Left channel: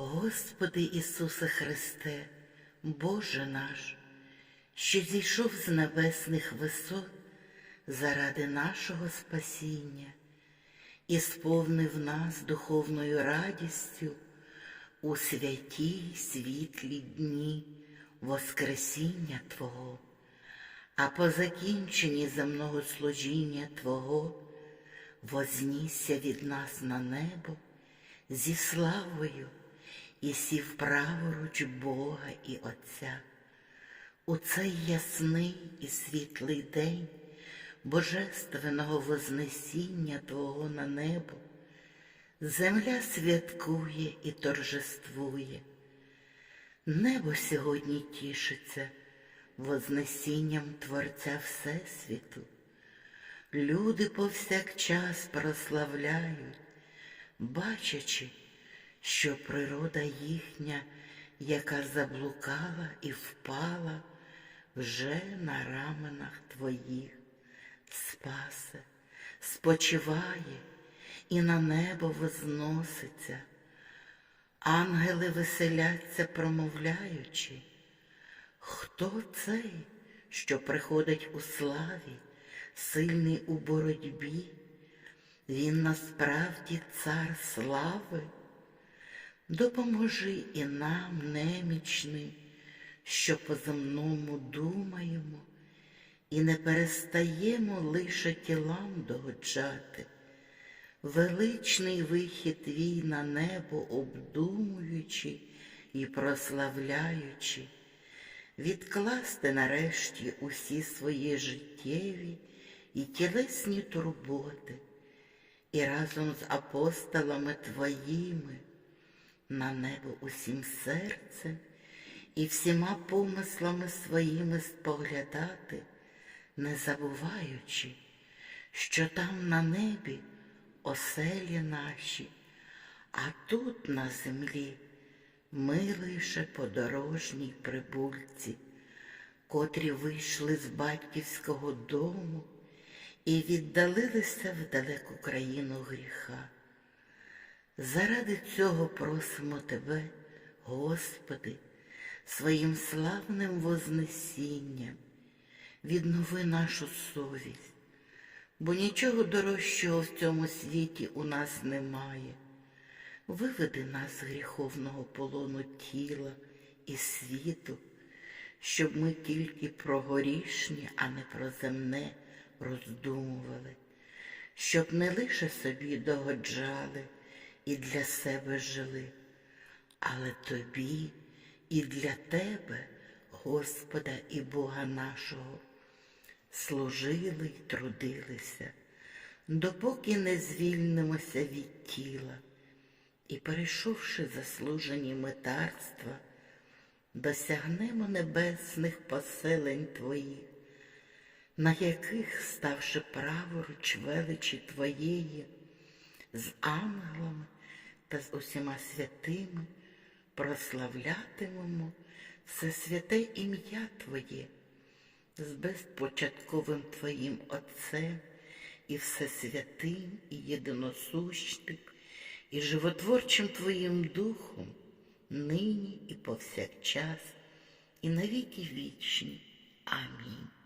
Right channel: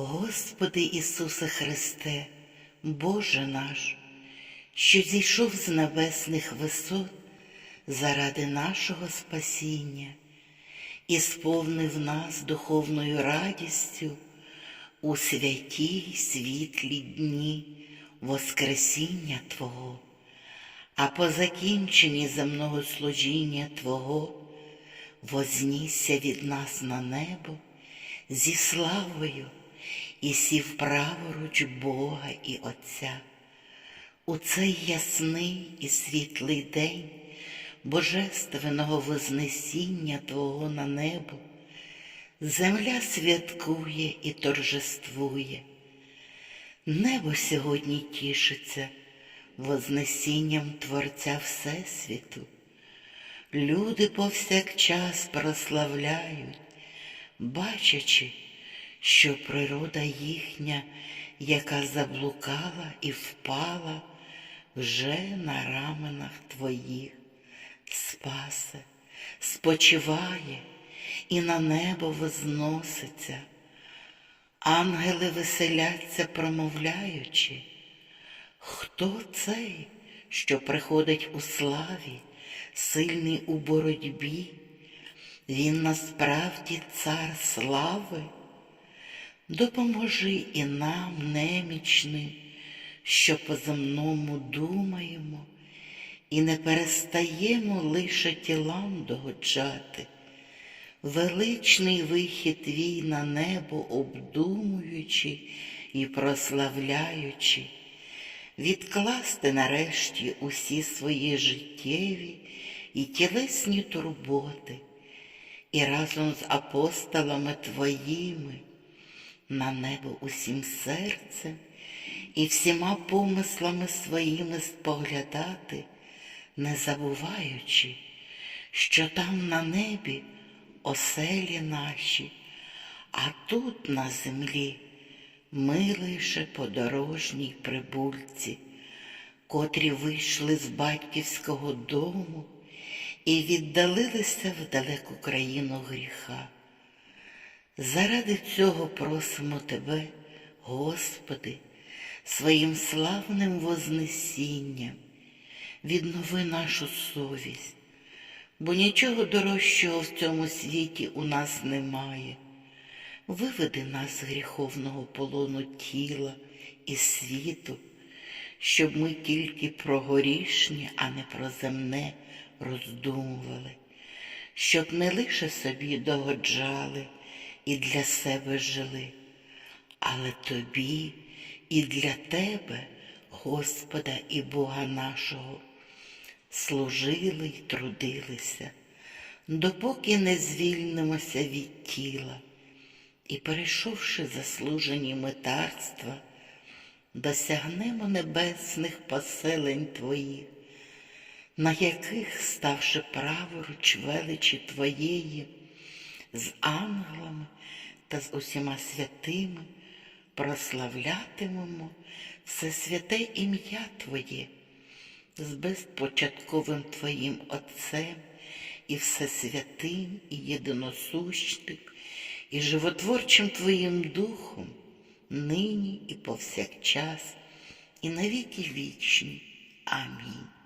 Господи Ісусе Христе, Боже наш, що зійшов з небесних висот заради нашого спасіння і сповнив нас духовною радістю у святій світлі дні Воскресіння Твого, а по закінченні земного служіння Твого вознісся від нас на небо зі славою і сів праворуч Бога і Отця. У цей ясний і світлий день Божественного Вознесіння Твого на небо, земля святкує і торжествує. Небо сьогодні тішиться Вознесінням Творця Всесвіту. Люди повсякчас прославляють, бачачи, що природа їхня, яка заблукала і впала, вже на раменах твоїх спасе, спочиває і на небо возноситься. Ангели веселяться, промовляючи, хто цей, що приходить у славі, сильний у боротьбі? Він насправді цар слави. Допоможи і нам, немічним, що по земному думаємо, і не перестаємо лише тілам догоджати. Величний вихід твій на небо обдумуючи і прославляючи, відкласти нарешті усі свої життєві і тілесні турботи, і разом з апостолами твоїми на небо усім серцем і всіма помислами своїми споглядати, не забуваючи, що там на небі оселі наші, а тут на землі ми лише подорожній прибульці, котрі вийшли з батьківського дому і віддалилися в далеку країну гріха. Заради цього просимо Тебе, Господи, своїм славним вознесінням, віднови нашу совість, бо нічого дорожчого в цьому світі у нас немає. Виведи нас з гріховного полону тіла і світу, щоб ми тільки про горішнє, а не про земне роздумували, щоб не лише собі догоджали і для себе жили, але тобі і для тебе, Господа і Бога нашого, служили й трудилися, допоки не звільнимося від тіла. І, перейшовши заслужені метарства, досягнемо небесних поселень Твоїх, на яких, ставши праворуч величі Твоєї, з ангелами та з усіма святими прославлятимемо все святе ім'я Твоє, з безпочатковим Твоїм Отцем і всесвятим і єдиносущним, і животворчим Твоїм Духом, нині і повсякчас, і навіки вічні. Амінь.